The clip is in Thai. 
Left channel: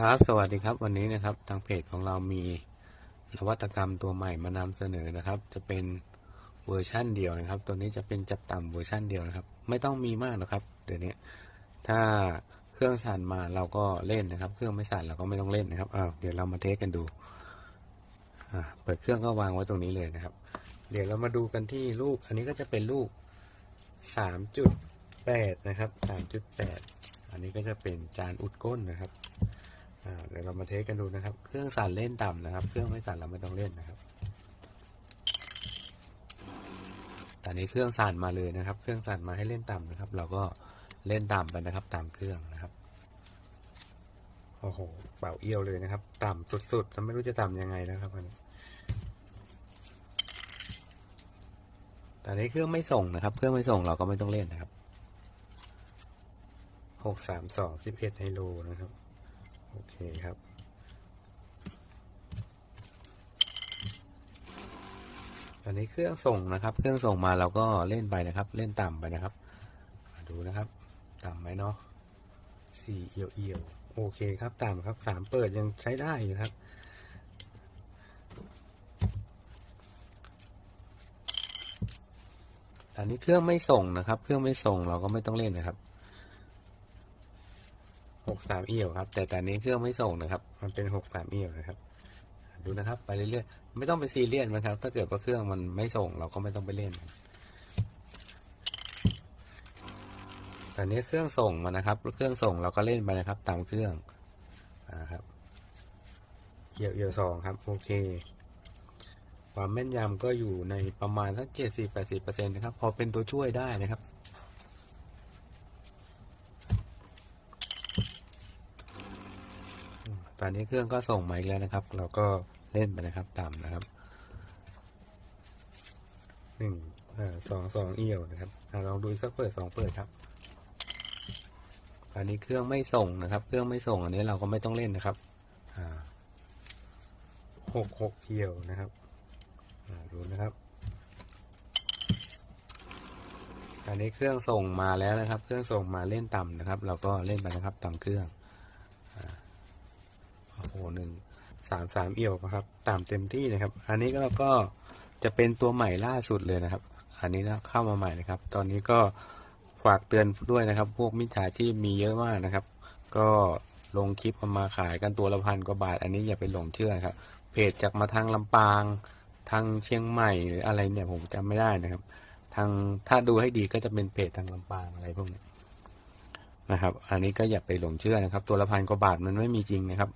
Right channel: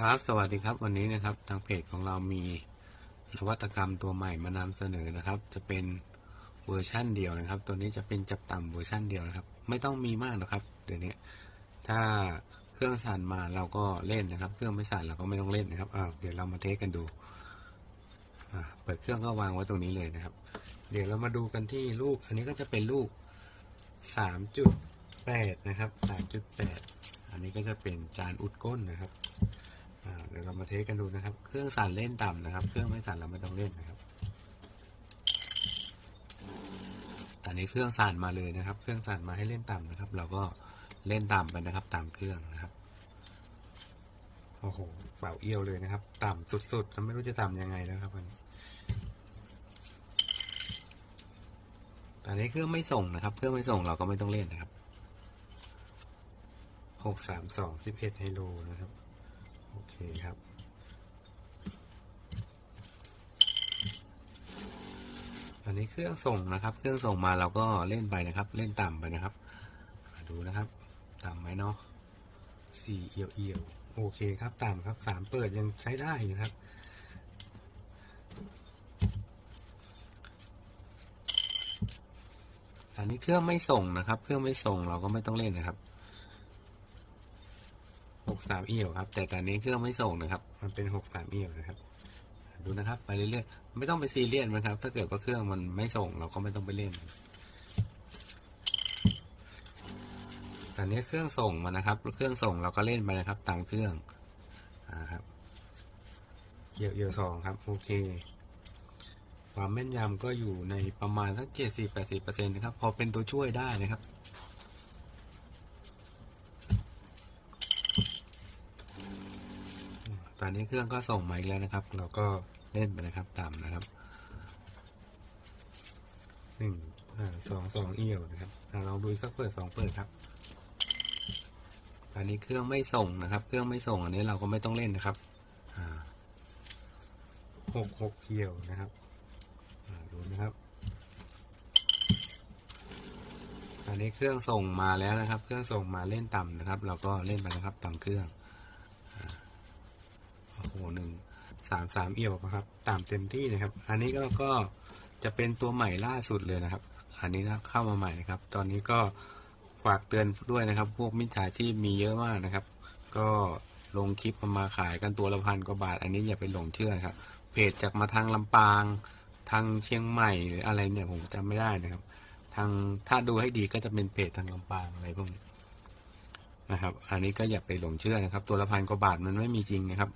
ครับสวัสดีครับวันนี้นะครับทางเพจของเรามีนวัตกรรมตัวใหม่มานำเสนอนะครับ จะเป็นเวอร์ชั่นเดียวนะครับ ตัวนี้จะเป็นจับต่ำเวอร์ชั่นเดียวนะครับ ไม่ต้องมีมากนะครับเดี๋ยวนี้ถ้าเครื่องสั่นมาเราก็เล่นนะครับ เครื่องไม่สั่นเราก็ไม่ต้องเล่นนะครับอ้าเดี๋ยวเรามาเทสกันดูอ่าเปิดเครื่องก็วางไว้ตรงนี้เลยนะครับ เดี๋ยวเรามาดูกันที่ลูก อันนี้ก็จะเป็นลูกสามจุดแปดนะครับสามจุดแปดอันนี้ก็จะเป็นจานอุดก้นนะครับ เดี๋ยวเรามาเทสกันดูนะครับ เครื่องสั่นเล่นต่ำนะครับ เครื่องไม่สั่นเราไม่ต้องเล่นนะครับ ตอนนี้เครื่องสั่นมาเลยนะครับ เครื่องสั่นมาให้เล่นต่ำนะครับ เราก็เล่นต่ำไปนะครับ ตามเครื่องนะครับ โอ้โห เป่าเอี้ยวเลยนะครับ ต่ำสุดๆแล้วไม่รู้จะต่ำยังไงนะครับมันตอนนี้เครื่องไม่ส่งนะครับ เครื่องไม่ส่งเราก็ไม่ต้องเล่นนะครับ หกสามสองสิบเอ็ดไฮโลนะครับ โอเคครับอันนี้เครื่องส่งนะครับ เครื่องส่งมาเราก็เล่นไปนะครับ เล่นต่ำไปนะครับ ดูนะครับ ต่ำไหมเนาะสี่เอียวเอียวโอเคครับ ต่ำครับสามเปิดยังใช้ได้อยู่ครับ อันนี้เครื่องไม่ส่งนะครับ เครื่องไม่ส่งเราก็ไม่ต้องเล่นนะครับ หกสามเอี่ยวครับ แต่ตอนนี้เครื่องไม่ส่งนะครับ มันเป็นหกสามเอี่ยวนะครับ ดูนะครับ ไปเรื่อยๆ ไม่ต้องไปซีเรียสนะครับ ถ้าเกิดว่าเครื่องมันไม่ส่งเราก็ไม่ต้องไปเล่น ตอนนี้เครื่องส่งมานะครับ เครื่องส่งเราก็เล่นไปนะครับ ตามเครื่องอ่าครับเอี่ยวเอี่ยวสองครับ โอเคความแม่นยำก็อยู่ในประมาณสักเจ็ดสิบแปดสิบเปอร์เซ็นต์นะครับ พอเป็นตัวช่วยได้นะครับ อนนี้เครื่องก็ส่งมาอีกแล้วนะครับ เราก็เล่นไปนะครับต่ำนะครับหนึ่งสองสองเอี่ยวนะครับลองดูอีกสักเปิดสองเปิดครับ อันนี้เครื่องไม่ส่งนะครับ เครื่องไม่ส่งอันนี้เราก็ไม่ต้องเล่นนะครับหกหกเอี่ยวนะครับดูนะครับ อันนี้เครื่องส่งมาแล้วนะครับ เครื่องส่งมาเล่นต่ำนะครับ เราก็เล่นไปนะครับต่ำเครื่อง โอ้โหหนึ่งสามสามเอี่ยวนะครับ ตามเต็มที่นะครับ อันนี้ก็เราก็จะเป็นตัวใหม่ล่าสุดเลยนะครับ อันนี้นะเข้ามาใหม่นะครับ ตอนนี้ก็ฝากเตือนด้วยนะครับ พวกมิจฉาชีพมีเยอะมากนะครับ ก็ลงคลิปมาขายกันตัวละพันกว่าบาท อันนี้อย่าไปหลงเชื่อครับ เพจจากมาทางลำปาง ทางเชียงใหม่หรืออะไรเนี่ยผมจำไม่ได้นะครับ ทางถ้าดูให้ดีก็จะเป็นเพจทางลำปางอะไรพวกนี้นะครับ อันนี้ก็อย่าไปหลงเชื่อนะครับ ตัวละพันกว่าบาทมันไม่มีจริงนะครับ